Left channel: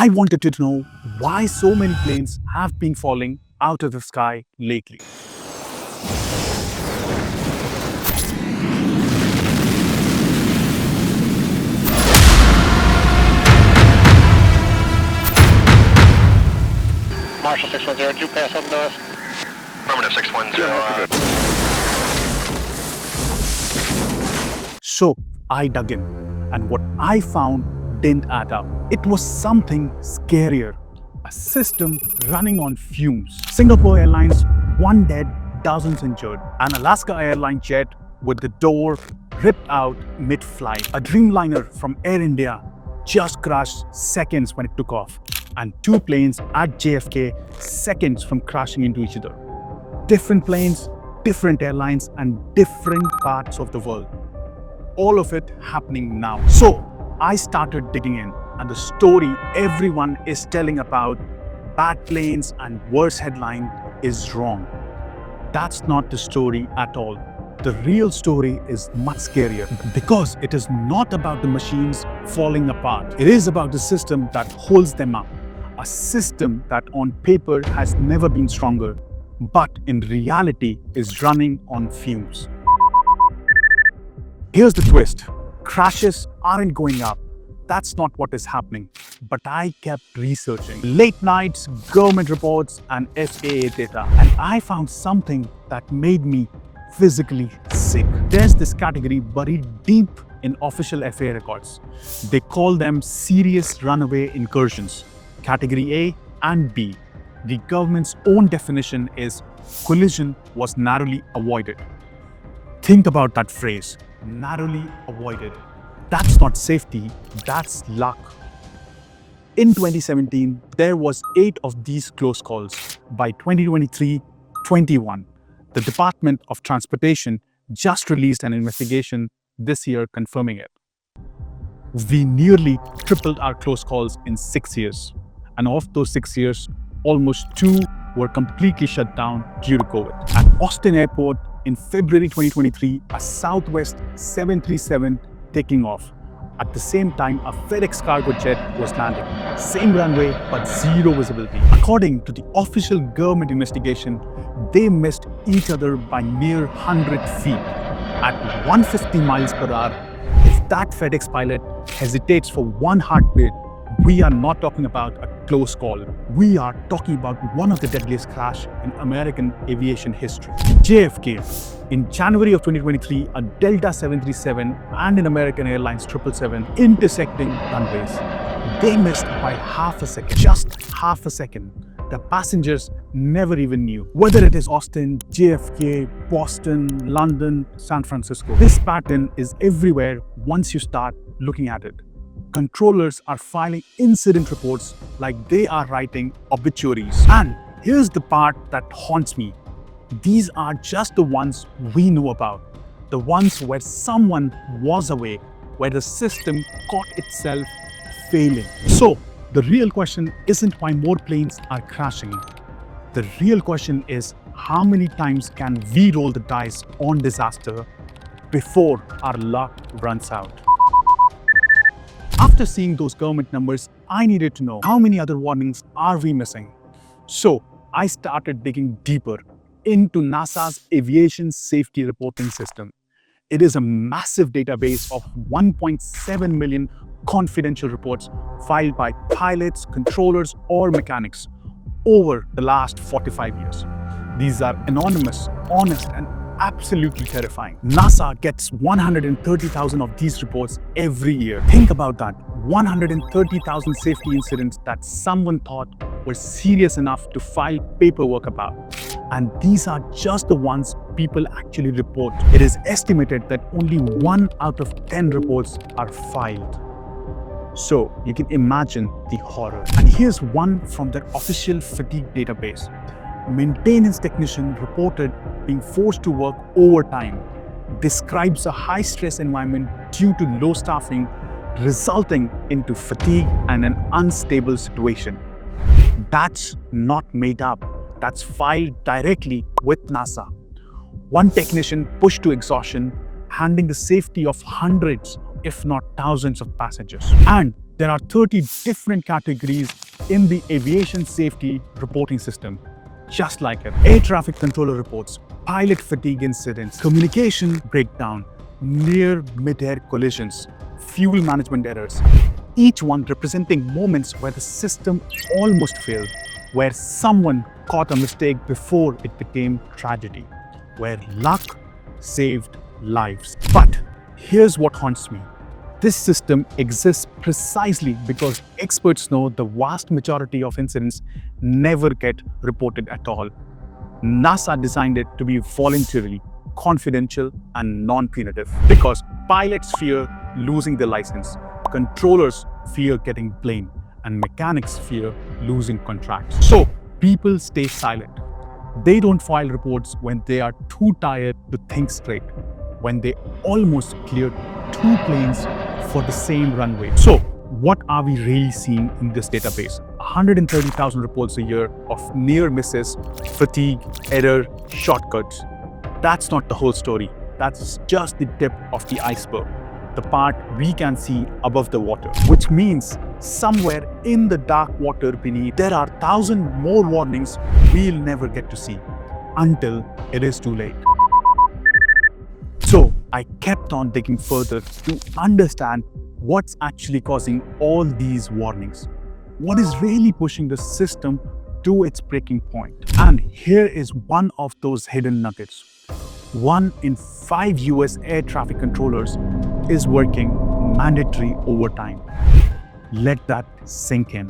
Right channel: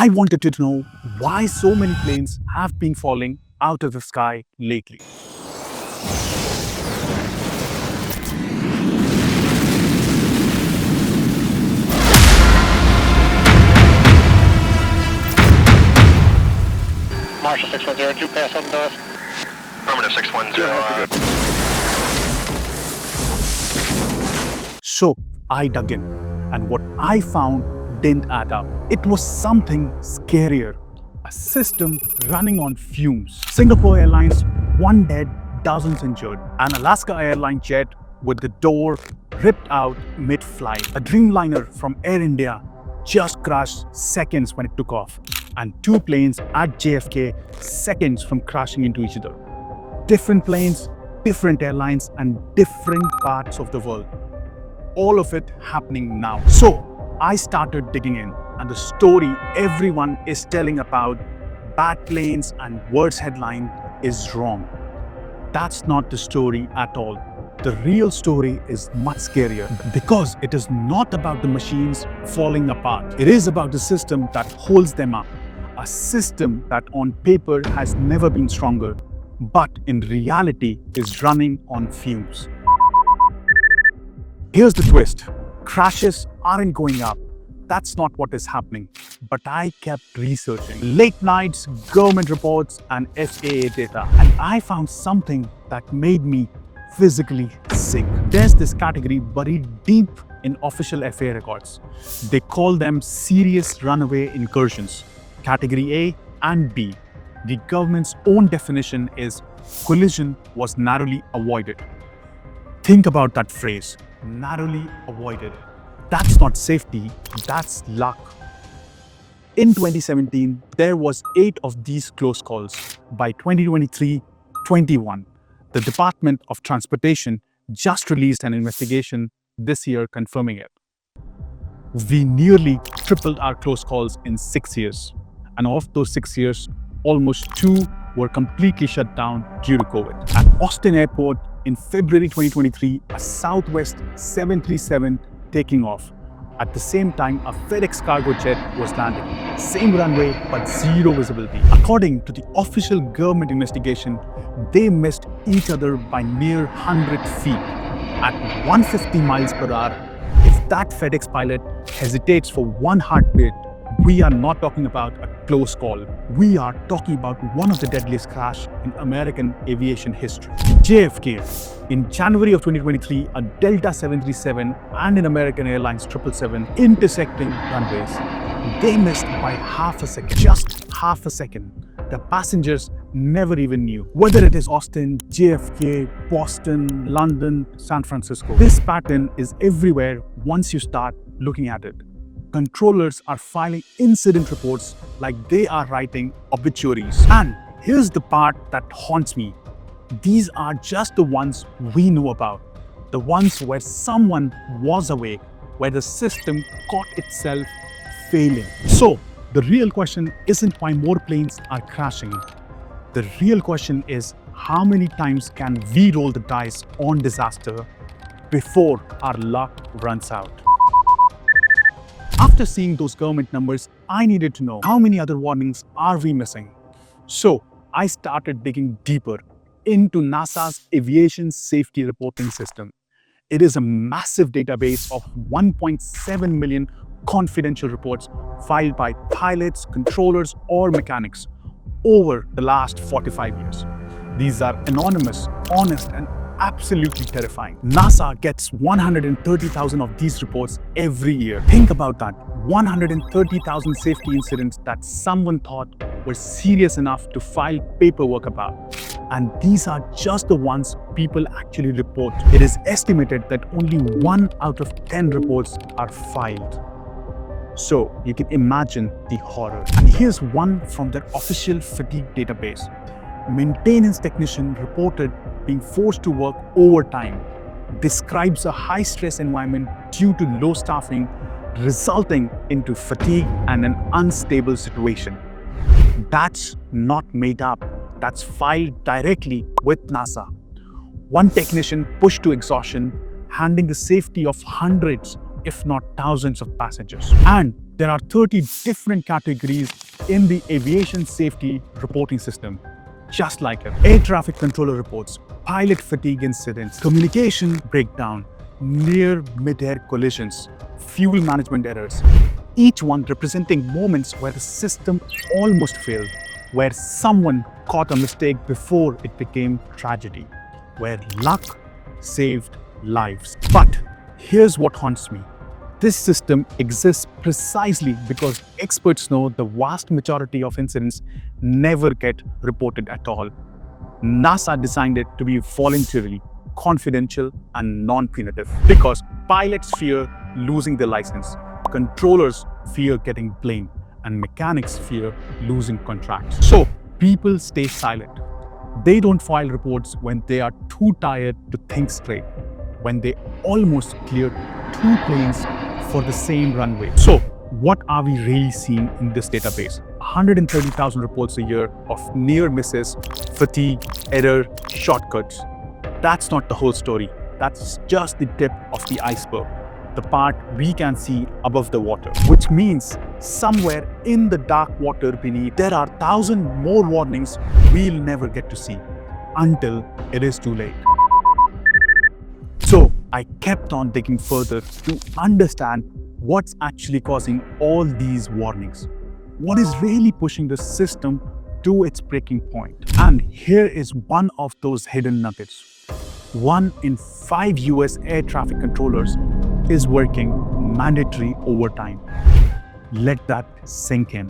I wanted to know why so many planes have been falling out of the sky lately. Marsh 610, clear yourself now. Affirmative 610. So I dug in, and what I found didn't add up. It was something scarier. A system running on fumes. Singapore Airlines, 1 dead, dozens injured. An Alaska Airlines jet with the door ripped out mid-flight. A Dreamliner from Air India just crashed seconds when it took off. And 2 planes at JFK seconds from crashing into each other. Different planes, different airlines, and different parts of the world. All of it happening now. So I started digging in, and the story everyone is telling about bad planes and worse headline is wrong. That's not the story at all. The real story is much scarier because it is not about the machines falling apart. It is about the system that holds them up. A system that on paper has never been stronger, but in reality is running on fumes. Here's the twist. Crashes aren't going up. That's not what is happening. But I kept researching. Late nights, government reports, and FAA data. And I found something that made me physically sick. There's this category buried deep in official FAA records. They call them serious runaway incursions. Category A and B. The government's own definition is collision was narrowly avoided. Think about that phrase, narrowly avoided. That's not safety, that's luck. In 2017, there was 8 of these close calls. By 2023, 21. The Department of Transportation just released an investigation this year confirming it. We nearly tripled our close calls in 6 years. And of those 6 years, almost 2 were completely shut down due to COVID. At Austin Airport in February 2023, a Southwest 737 taking off. At the same time, a FedEx cargo jet was landing. Same runway, but zero visibility. According to the official government investigation, they missed each other by near 100 feet. At 150 miles per hour, if that FedEx pilot hesitates for one heartbeat, we are not talking about a close call. We are talking about one of the deadliest crashes in American aviation history. JFK. In January of 2023, a Delta 737 and an American Airlines 777 intersecting runways. They missed by half a second, just half a second. The passengers never even knew. Whether it is Austin, JFK, Boston, London, San Francisco. This pattern is everywhere once you start looking at it. Controllers are filing incident reports like they are writing obituaries. And here's the part that haunts me. These are just the ones we know about. The ones where someone was awake, where the system caught itself failing. So, the real question isn't why more planes are crashing. The real question is how many times can we roll the dice on disaster before our luck runs out? After seeing those government numbers, I needed to know how many other warnings are we missing. So I started digging deeper into NASA's Aviation Safety Reporting System. It is a massive database of 1.7 million confidential reports filed by pilots, controllers, or mechanics over the last 45 years. These are anonymous, honest, and absolutely terrifying. NASA gets 130,000 of these reports every year. Think about that. 130,000 safety incidents that someone thought were serious enough to file paperwork about. And these are just the ones people actually report. It is estimated that only 1 out of 10 reports are filed. So you can imagine the horror. And here's one from their official fatigue database. Maintenance technician reported being forced to work overtime, describes a high-stress environment due to low staffing, resulting into fatigue and an unstable situation. That's not made up. That's filed directly with NASA. One technician pushed to exhaustion, handling the safety of hundreds if not thousands of passengers. And there are 30 different categories in the aviation safety reporting system. Just like it. Air traffic controller reports, pilot fatigue incidents, communication breakdown, near mid-air collisions, fuel management errors. Each one representing moments where the system almost failed, where someone caught a mistake before it became tragedy, where luck saved lives. But here's what haunts me. This system exists precisely because experts know the vast majority of incidents never get reported at all. NASA designed it to be voluntary, confidential, and non-punitive because pilots fear losing their license, controllers fear getting blamed, and mechanics fear losing contracts. So people stay silent. They don't file reports when they are too tired to think straight, when they almost cleared 2 planes for the same runway. So what are we really seeing in this database? 130,000 reports a year of near misses, fatigue, error, shortcuts. That's not the whole story. That's just the tip of the iceberg, the part we can see above the water. Which means somewhere in the dark water beneath, there are 1,000 more warnings we'll never get to see until it is too late. So I kept on digging further to understand what's actually causing all these warnings. What is really pushing the system to its breaking point? And here is one of those hidden nuggets. 1 in 5 US air traffic controllers is working mandatory overtime. Let that sink in.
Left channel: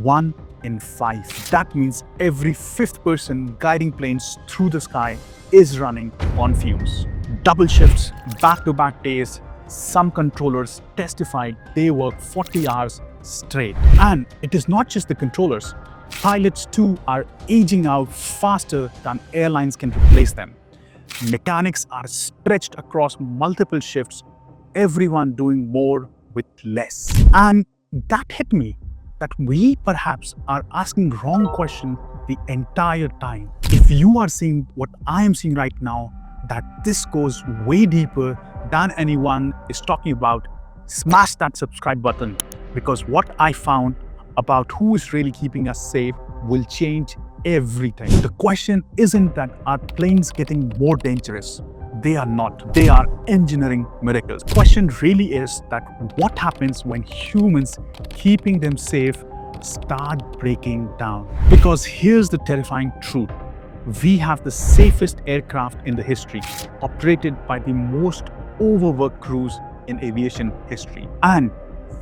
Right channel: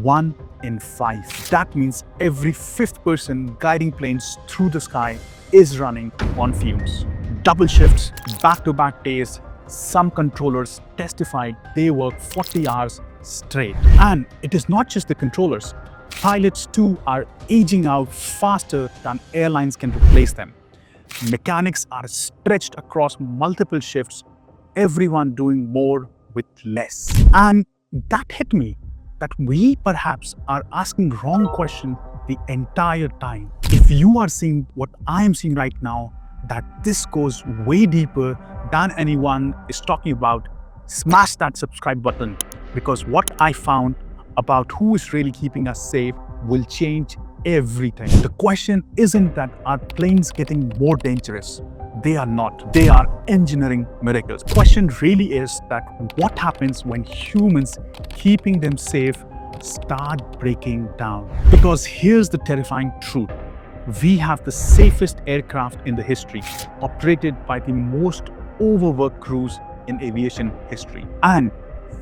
1 in 5. That means every 5th person guiding planes through the sky is running on fumes. Double shifts, back-to-back days. Some controllers testified they work 40 hours straight. And it is not just the controllers. Pilots too are aging out faster than airlines can replace them. Mechanics are stretched across multiple shifts, everyone doing more with less. And that hit me, that we perhaps are asking wrong question the entire time. If you are seeing what I am seeing right now, that this goes way deeper than anyone is talking about, smash that subscribe button, because what I found about who is really keeping us safe will change everything. The question isn't that are planes getting more dangerous. They are not. They are engineering miracles. The question really is that what happens when humans keeping them safe start breaking down? Because here's the terrifying truth. We have the safest aircraft in the history, operated by the most overworked crews in aviation history. And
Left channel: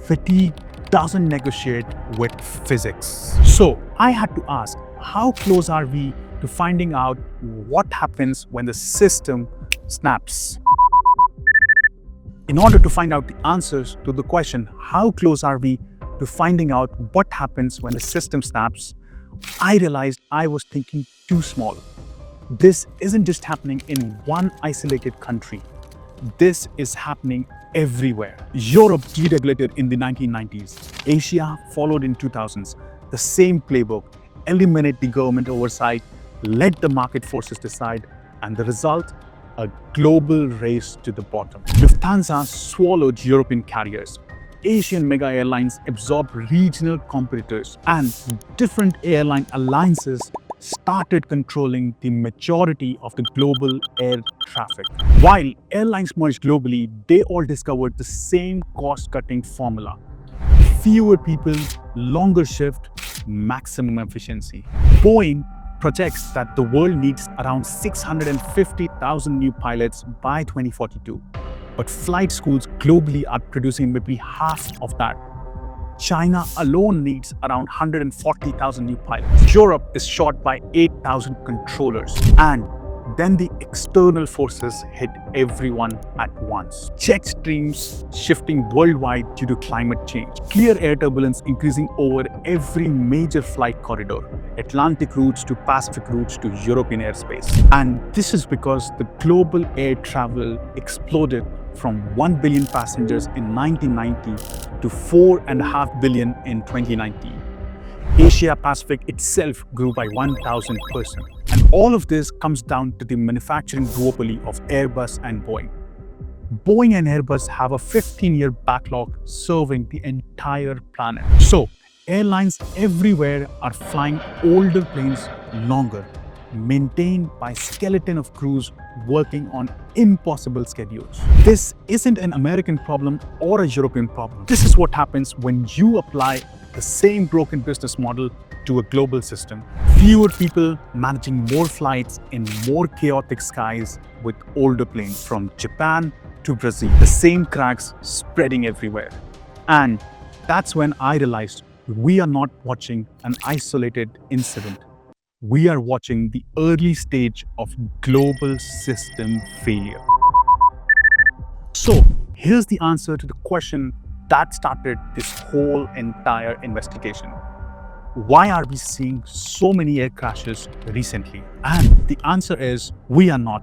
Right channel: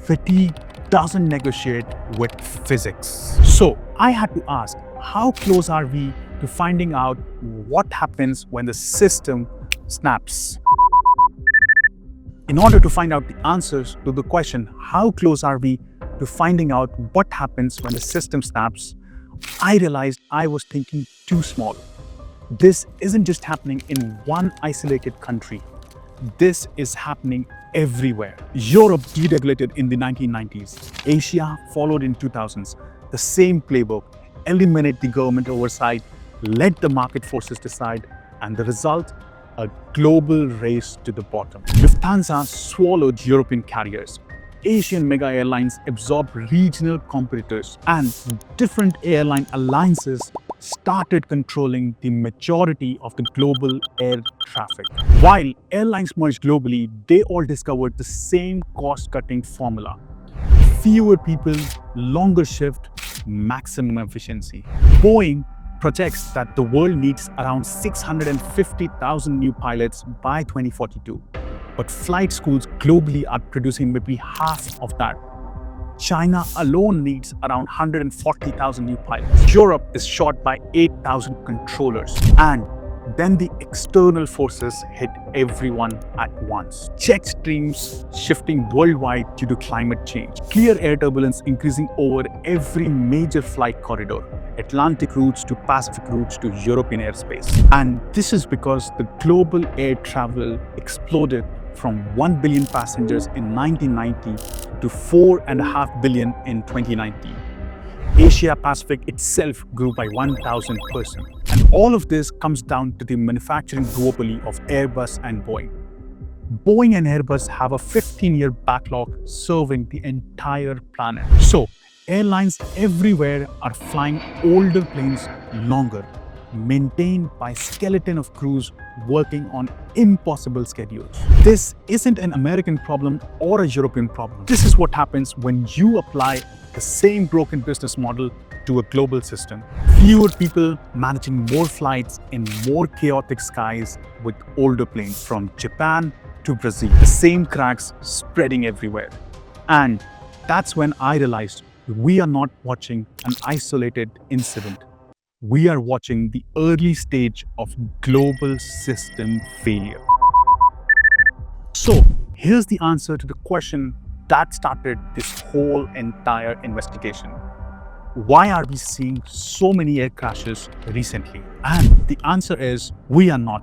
fatigue doesn't negotiate with physics. So I had to ask, how close are we to finding out what happens when the system snaps? In order to find out the answers to the question, how close are we to finding out what happens when the system snaps, I realized I was thinking too small. This isn't just happening in one isolated country. This is happening everywhere. Europe deregulated in the 1990s. Asia followed in 2000s. The same playbook. Eliminate the government oversight, let the market forces decide, and the result? A global race to the bottom. Lufthansa swallowed European carriers. Asian mega airlines absorbed regional competitors, and different airline alliances started controlling the majority of the global air traffic. While airlines merged globally, they all discovered the same cost-cutting formula. Fewer people, longer shift, maximum efficiency. Boeing projects that the world needs around 650,000 new pilots by 2042. But flight schools globally are producing maybe half of that. China alone needs around 140,000 new pilots. Europe is short by 8,000 controllers. And then the external forces hit everyone at once. Jet streams shifting worldwide due to climate change. Clear air turbulence increasing over every major flight corridor. Atlantic routes to Pacific routes to European airspace. And this is because the global air travel exploded from 1 billion passengers in 1990 to 4.5 billion in 2019. Asia Pacific itself grew by 1,000%. And all of this comes down to the manufacturing duopoly of Airbus and Boeing. Boeing and Airbus have a 15-year backlog serving the entire planet. So, airlines everywhere are flying older planes longer, maintained by skeleton of crews working on impossible schedules. This isn't an American problem or a European problem. This is what happens when you apply the same broken business model to a global system. Fewer people managing more flights in more chaotic skies with older planes from Japan to Brazil. The same cracks spreading everywhere. And that's when I realized we are not watching an isolated incident. We are watching the early stage of global system failure. So, here's the answer to the question that started this whole entire investigation. Why are we seeing so many air crashes recently? And the answer is we are not.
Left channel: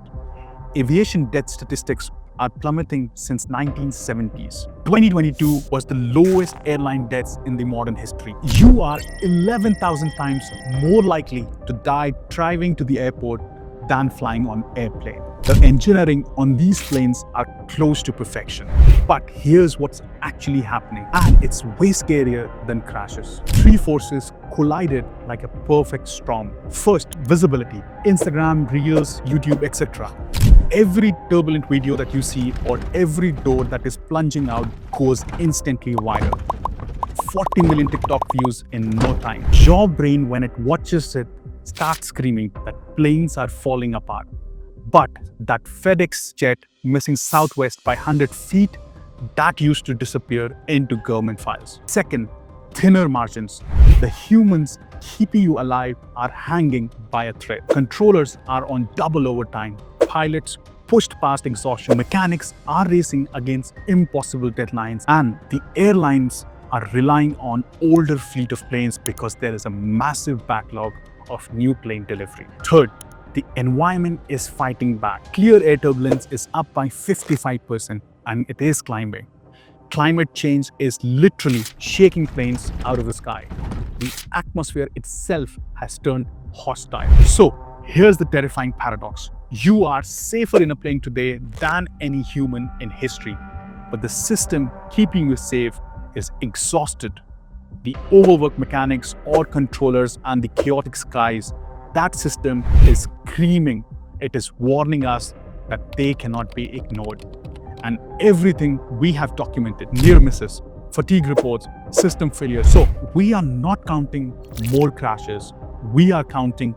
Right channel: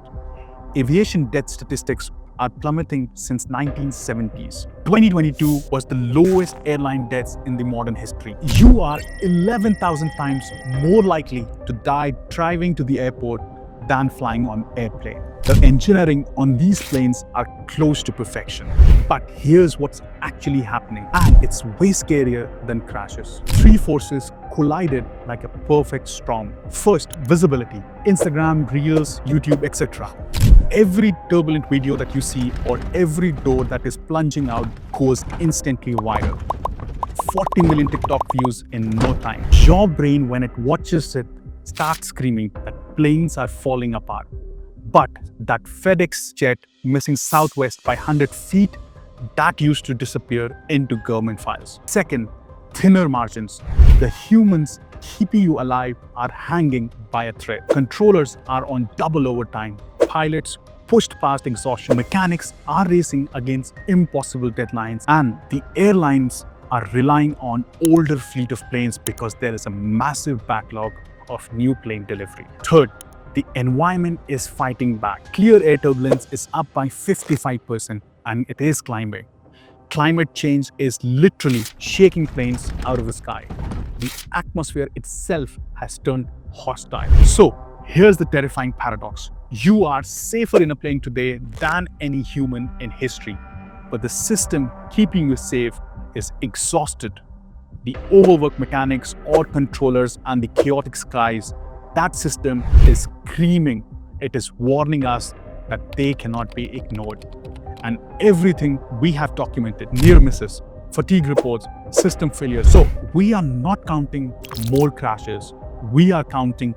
Aviation death statistics are plummeting since 1970s. 2022 was the lowest airline deaths in the modern history. You are 11,000 times more likely to die driving to the airport than flying on airplane. The engineering on these planes are close to perfection. But here's what's actually happening. It's way scarier than crashes. Three forces collided like a perfect storm. First, visibility. Instagram, Reels, YouTube, etc. Every turbulent video that you see or every door that is plunging out goes instantly viral. 40 million TikTok views in no time. Your brain, when it watches it, starts screaming that planes are falling apart. But that FedEx jet missing Southwest by 100 feet, that used to disappear into government files. Second, thinner margins. The humans keeping you alive are hanging by a thread. Controllers are on double overtime. Pilots pushed past exhaustion. Mechanics are racing against impossible deadlines. And the airlines are relying on older fleet of planes because there is a massive backlog of new plane delivery. Third, the environment is fighting back. Clear air turbulence is up by 55% and it is climbing. Climate change is literally shaking planes out of the sky. The atmosphere itself has turned hostile. So here's the terrifying paradox. You are safer in a plane today than any human in history, but the system keeping you safe is exhausted. The overworked mechanics or controllers and the chaotic skies, that system is screaming. It is warning us that they cannot be ignored. And everything we have documented, near misses, fatigue reports, system failures. So we are not counting more crashes, we are counting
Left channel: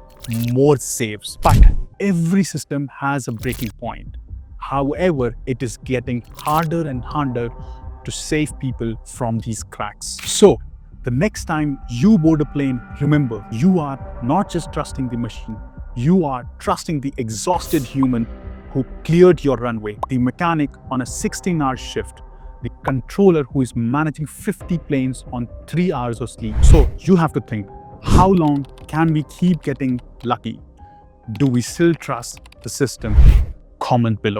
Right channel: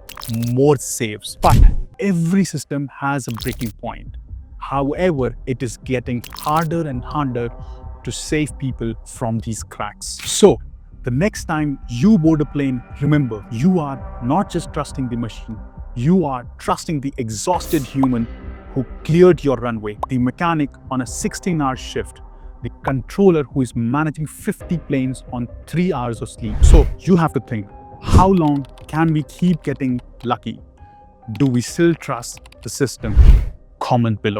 more saves. But every system has a breaking point. However, it is getting harder and harder to save people from these cracks. So the next time you board a plane, remember, you are not just trusting the machine, you are trusting the exhausted human who cleared your runway, the mechanic on a 16-hour shift, the controller who is managing 50 planes on 3 hours of sleep. So you have to think, how long can we keep getting lucky? Do we still trust the system? Comment below.